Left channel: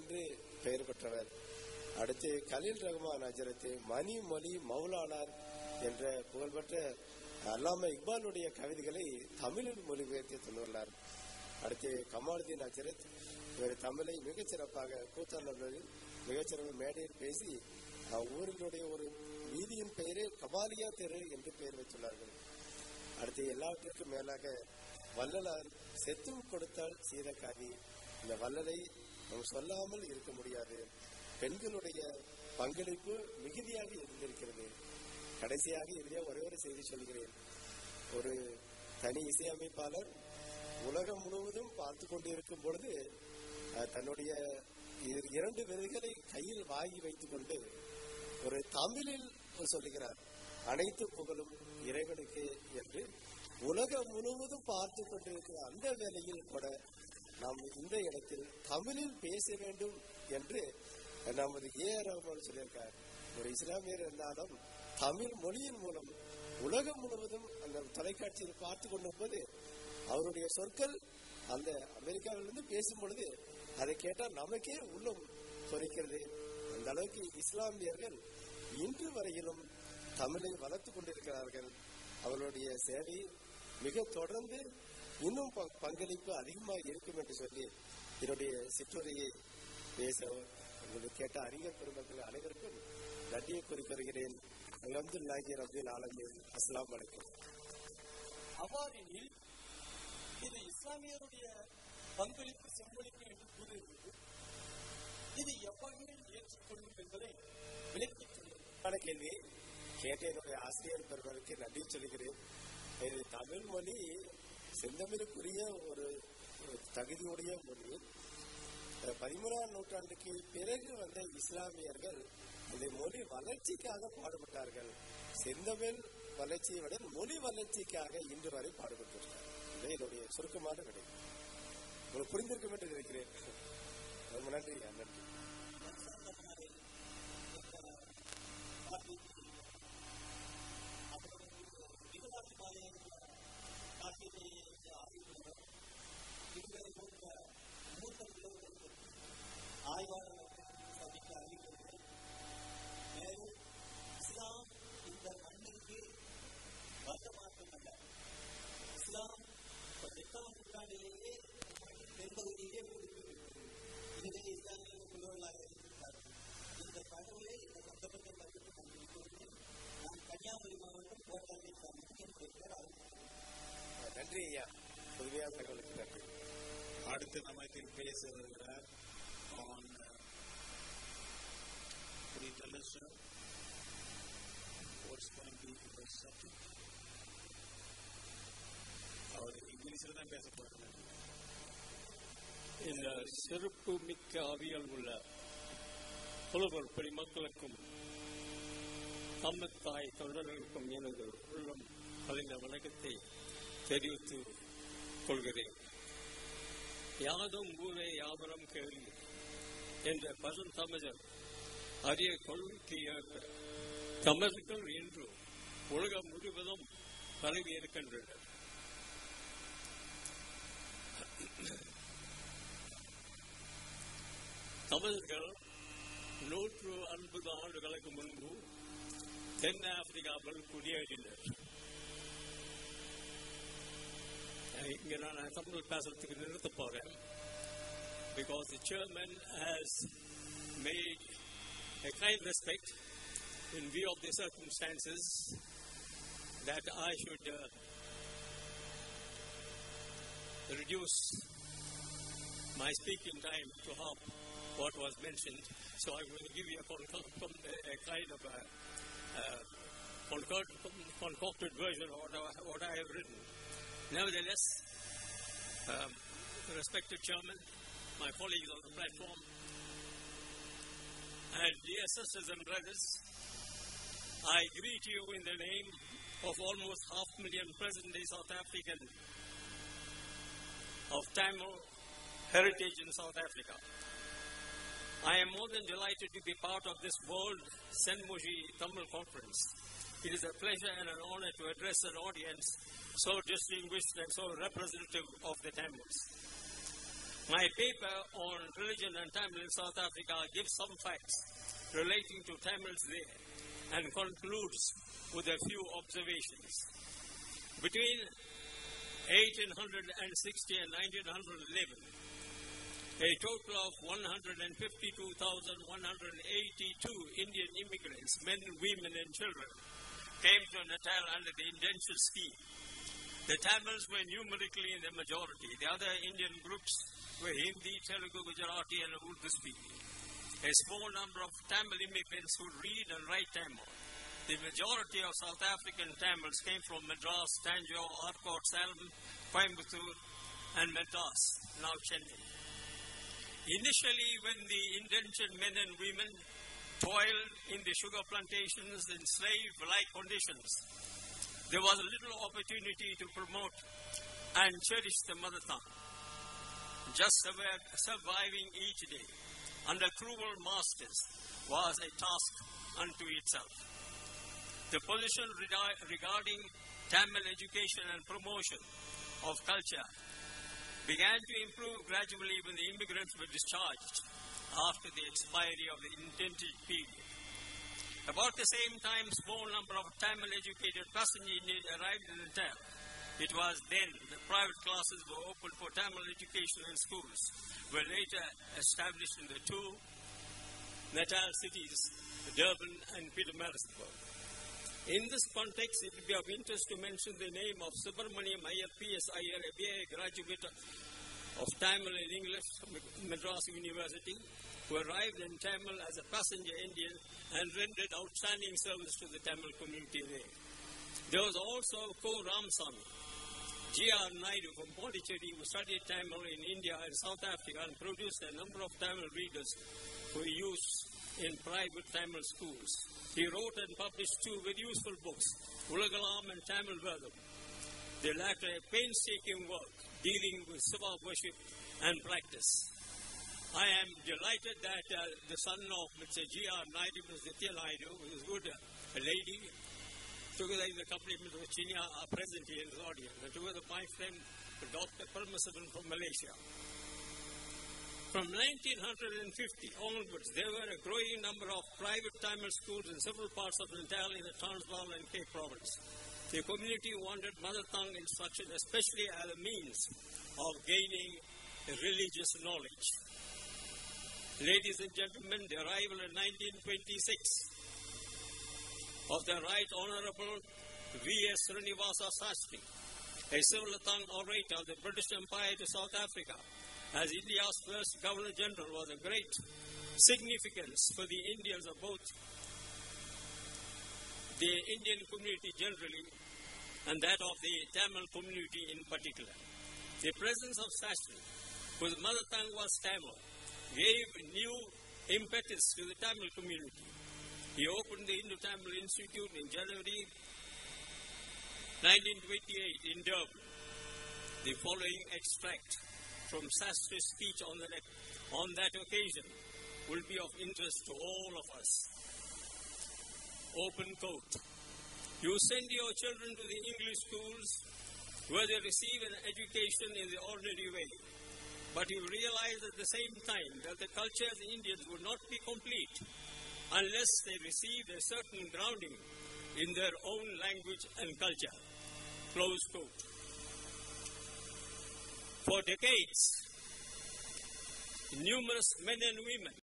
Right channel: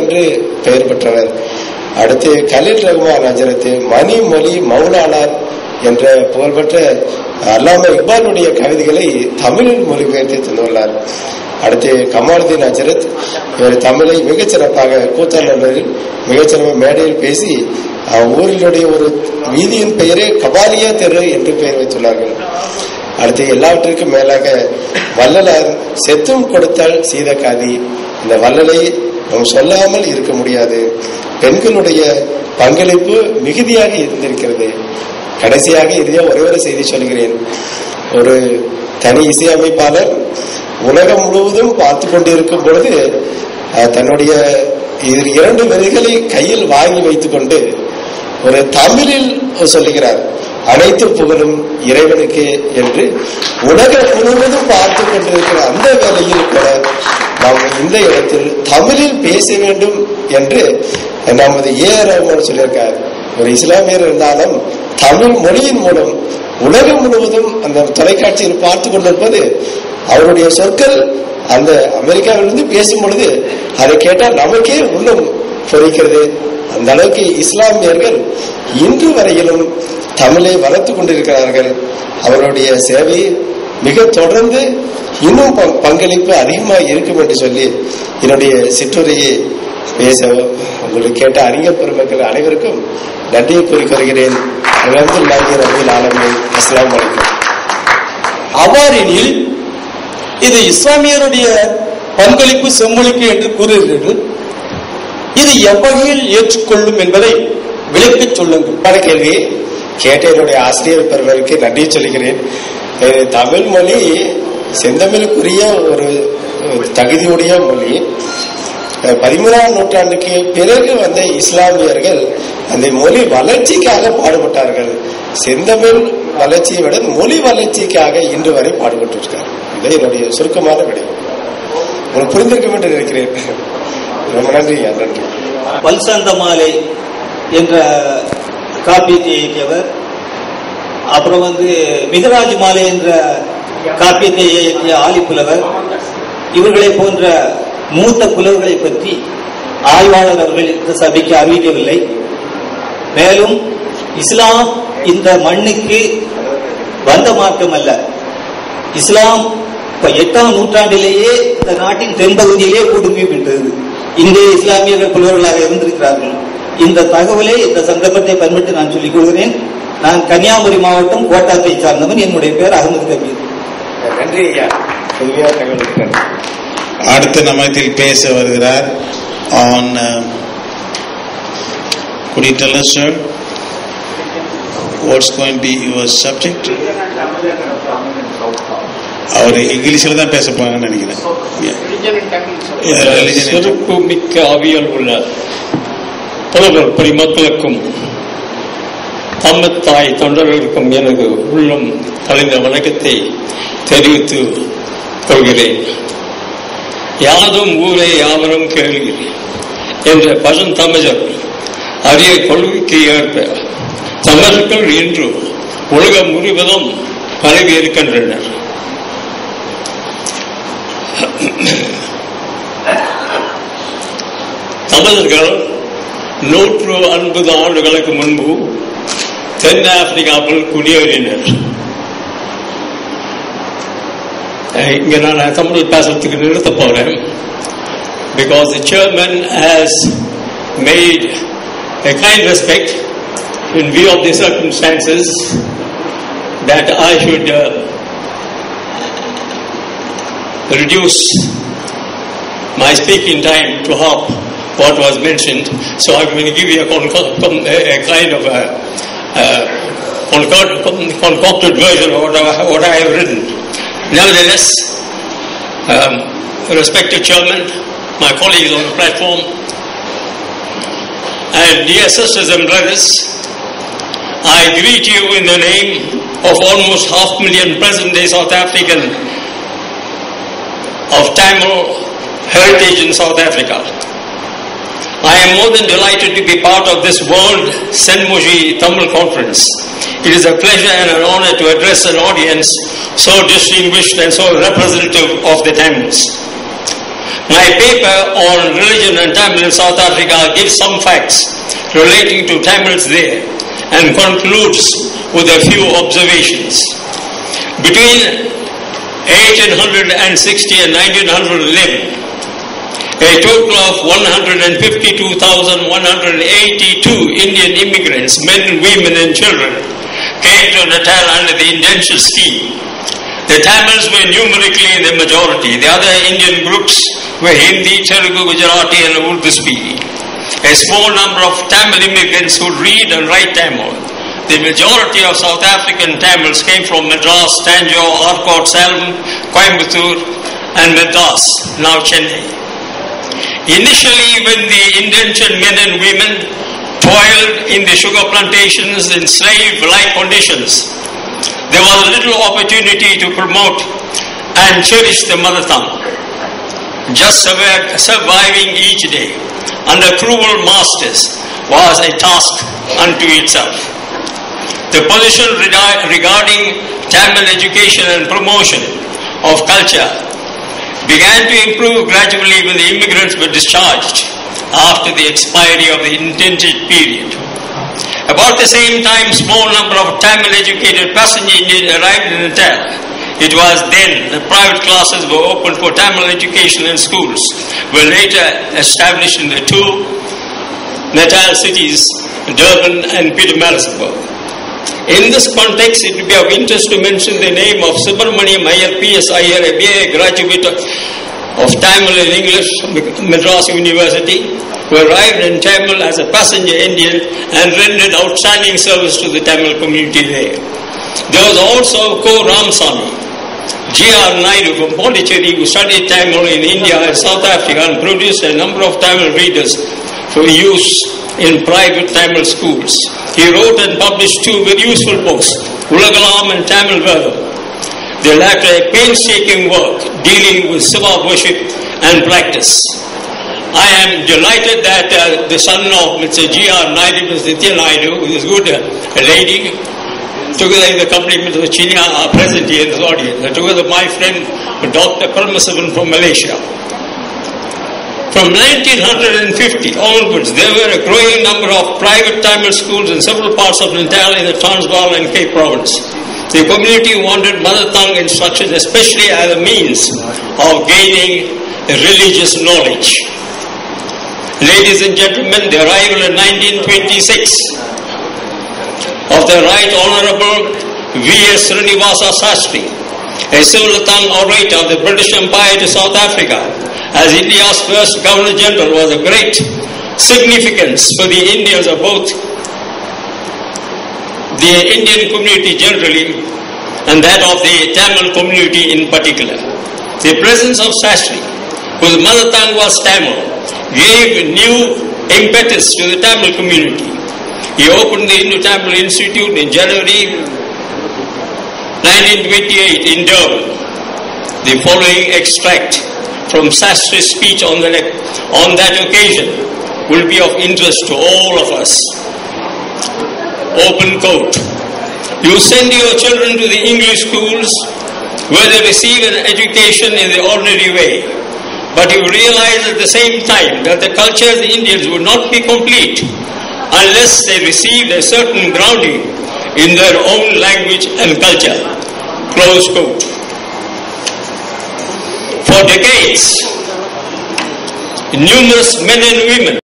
என்று பெயர் பெற்றவர். அடுத்து கலீல் ரஹ்மான் ஹஜரத் மணி மொழி மௌலானார் என்ற புகழ்பெற்ற அல்லாமா இக்பாலுடைய கவிதைகளை தமிழில் மொழிபெயர்த்து தந்துள்ளார். அடுத்து கமாலுதீன் ஹஜரத், இவர் தமிழை மிகச்சிறப்பாக கூத்தாளரில் மிகச்சிறப்பாக மேடையில் பேசி ஊரினுடைய ஒரு வீதியின் பெயரே கபாலியா தெரு என்று பெயர் வைத்துள்ளார்கள். அடுத்து எல்லாவற்றிற்கும் மேலாக வள்ளலார் செத்தும் கொடுத்தால் சீதக்காதி, இந்த வள்ளலை நாம் சொல்லாமல் இருக்க முடியாது. பெண்களுடைய பங்களிப்பு மிகுதியாக இருந்திருக்கிறது. கடைசியாக இறுதியாக ஒரே ஒரு செய்தி சொல்கிறேன். ஒரு தனி இசையமைப்பாளர் உலகம் முழுவதும் பார்த்து கொண்டிருக்கும் பொழுது தன்னுடைய 2 விதைகளை கையில் வாங்கி வைத்துக் கொண்டு ஒரு தமிழில் சொல்லுகிறார், அனைத்து புகழும் இறைவனுக்கு என்று. உலகம் முழுவதும் பார்த்து கொண்டிருக்கிற அந்த வேளையில் கூட நாம் இந்த இடத்தில் தமிழில் பேச வேண்டும் என்று நமது ar சொல்லியிருக்கார். ஒரு இஸ்லாமியர் இருந்தாலும் தமிழ் மொழியின் மூலம் உலகம் முழுவதும் அந்த தொலைக்காட்சியில் பார்த்து கொண்டிருப்பது, அவருடைய சொற்கள் அந்த அமெரிக்காவிலிருந்து பேசும் பொழுது அதை கேட்டால் நமக்கே உள்ளம் பொறிக்கிறது. அந்த அளவுக்கு இஸ்லாமியர்கள் இன்று வரையிலும் தமிழை வளர்த்து கொண்டிருக்கிறார்கள். அவருடைய சேவை மிக தொடர்ந்து இன்னும் பங்களிப்பு அதிகமாக இருக்கும் என்று சொல்லி என்னுடைய சிற்றுரையை பேச உங்களுக்கு கேட்ட அறிஞர் பெருமக்கள் அனைவருக்கும் நன்றியை கூறிக்கொள்கிறேன். அஸ்ஸலாமு அலைக்கும். அவ்வாறெனில் இது இஸ்லாமியருடைய பங்களிப்பு செம்மொழிக்கு என்று கூறுகிறீர்கள். இது எவ்வகையில் ஏற்றுக்கொள்ளும் என்பதை விளக்கிச் சொல்லுங்கள். கேள்வி கேட்ட என்னுடைய ஆசிரியர் பெருமருக்கு நன்றி சொல்கிறேன். தமிழ் மொழி செந்தமிழுக்குரிய ஒரு தகுதியுடைய மொழி. 13ஆம் நூற்றாண்டுக்கு பிறகு வந்த இஸ்லாமியர்கள் அந்த மொழி வளர்ச்சிக்காக பாடுபட்டார்கள். செந்தமிழ் வளர்ச்சியை விட மொழி வளர்ச்சிக்காக இன்று வரை பாடுபட்டிருக்கார். இதை என்னுடைய சுருக்கமான விடை. உங்களுக்கு புரிந்திருக்கும் என்று நினைக்கிறேன். ரொம்ப நன்றி. நன்றி. பல்சந்த மாலை என்ற காப்பியத்தை இயக்கியவர், அப்புறம் மிகராஜ் மாலை என்ற காப்பியத்தை இயக்கிய ஆலிப்புலவர், இவர்களை போன்ற மூத்த புலவர்களை பற்றி ஆய்வாளர் அவர்கள் இந்த சபைக்கு அறிவிக்கவில்லை. மேலும் இஸ்லாம் இந்த மண்ணுக்கு வந்த மார்க்கம் அல்ல. இஸ்லாம் 8ஆம் நூற்றாண்டிலேயே இந்த நாட்டின் தென்பகுதியிலே குடும்பி விட்டது. இந்திய இஸ்லாமியர்கள் புலவர்களாக இருந்திருக்கிறார்கள். இந்த தகவலை இந்த சந்தர்ப்பத்தை பயன்படுத்தி நான் சொல்லிக் கொள்கிறேன். நான் கன்னியாகுமரி மாவட்டம் கோட்டாத்தை சார்ந்தவன். என்னுடைய பேர் அகமது கபீர். நன்றி ஐயா. அடுத்த நம்மத்தில் பேச வருகிறார். Could you tell us, sir, what's going to be your subject? அவர் இங்கிலீஷில் தான் பேச போறாங்கன்னு நினைக்கிறேன். சிறப்பு மிக்க ஆவியல் உள்ள புலவர் பெருமக்களுக்கும் தம்மத்தாய் தொண்டர்களுக்கும் எனது உள்ளம் கலைந்த வணக்கத்தை தெரிவித்து கொள்கிறேன். யாதும் ஊரே யாவரும் கேள்வி என்ற பழந்தமிழர் அரிய கொள்கைக்கு ஏற்ப தமிழர்கள் இன்று உலகம் முழுவதும் பரவி இருக்கின்றனர். தமிழர்கள் 150 ஆண்டுகளுக்கு முன்பு தென்னாப்பிரிக்காவில் குடியேறினர். இங்க நான் தமிழ் பேசுறதுக்கு நிறுத்த போறேன். Because the chairman has made a kind respect in view of the circumstances that I should reduce my speaking time to half what was mentioned. So I'm going to give you a kind of concocted version of what I have written. Nevertheless, respected chairman, my colleagues on the platform, and dear sisters and brothers, I greet you in the name of almost 500,000 present-day South African of Tamil heritage in South Africa. I am more than delighted to be part of this World Senmoji Tamil Conference. It is a pleasure and an honor to address an audience so distinguished and so representative of the Tamils. My paper on religion and Tamil in South Africa gives some facts relating to Tamils there and concludes with a few observations. Between 1860 and 1911, a total of 152,182 Indian immigrants, men, women and children, came to Natal under the indenture scheme. The Tamils were numerically in the majority. The other Indian groups were Hindi, Telugu, Gujarati and Urdu speaking. A small number of Tamil immigrants who read and write Tamil. The majority of South African Tamils came from Madras, Tanjore, Arcot, Salem, Coimbatore and Madras, now Chennai. Initially, when the indentured men and women toiled in the sugar plantations in slave-like conditions, there was little opportunity to promote and cherish the mother tongue. Just surviving each day under cruel masters was a task unto itself. The position regarding Tamil education and promotion of culture began to improve gradually when the immigrants were discharged after the expiry of the intended period. About the same time, small number of Tamil educated passenger Indians arrived in Natal. It was then that private classes were opened for Tamil education and schools were later established in the two Natal cities, Durban and Pietermaritzburg. In this context, it would be of interest to mention the name of Subramaniam Iyer, P.S. Iyer, a BA graduate of Tamil and English, Madras University, who arrived in Tamil as a passenger Indian and rendered outstanding service to the Tamil community there. There was also Ko Ramsamy, G.R. Naidu from Pondicherry, who studied Tamil in India and South Africa and produced a number of Tamil readers for use in private Tamil schools. He wrote and published two very useful books, Ulagala and Tamil Vedam. The latter a painstaking work dealing with Siva worship and practice. I am delighted that the son of Mr. G.R. Naidu, Mr. Nitya Naidu, who is good, a lady, together in the company of Mr. Chinya, are present here in this audience. Together my friend, Dr. Kalainar from Malaysia. From 1950 onwards, there were a growing number of private Tamil schools in several parts of Natal in the Transvaal and Cape Province. The community wanted mother tongue instruction, especially as a means of gaining religious knowledge. Ladies and gentlemen, the arrival in 1926 of the Right Honourable V.S. Srinivasa Sastry, a civil tongue orator of the British Empire to South Africa, as India's first Governor General, was a great significance for the Indians of both the Indian community generally and that of the Tamil community in particular. The presence of Sastry, whose mother tongue was Tamil, gave new impetus to the Tamil community. He opened the Indo-Tamil Institute in January 1928 in Durban. The following extract from Sastri's speech on that occasion will be of interest to all of us. Open quote. You send your children to the English schools where they receive an education in the ordinary way, but you realize at the same time that the culture of the Indians would not be complete unless they received a certain grounding in their own language and culture. Close quote. For decades, numerous men and women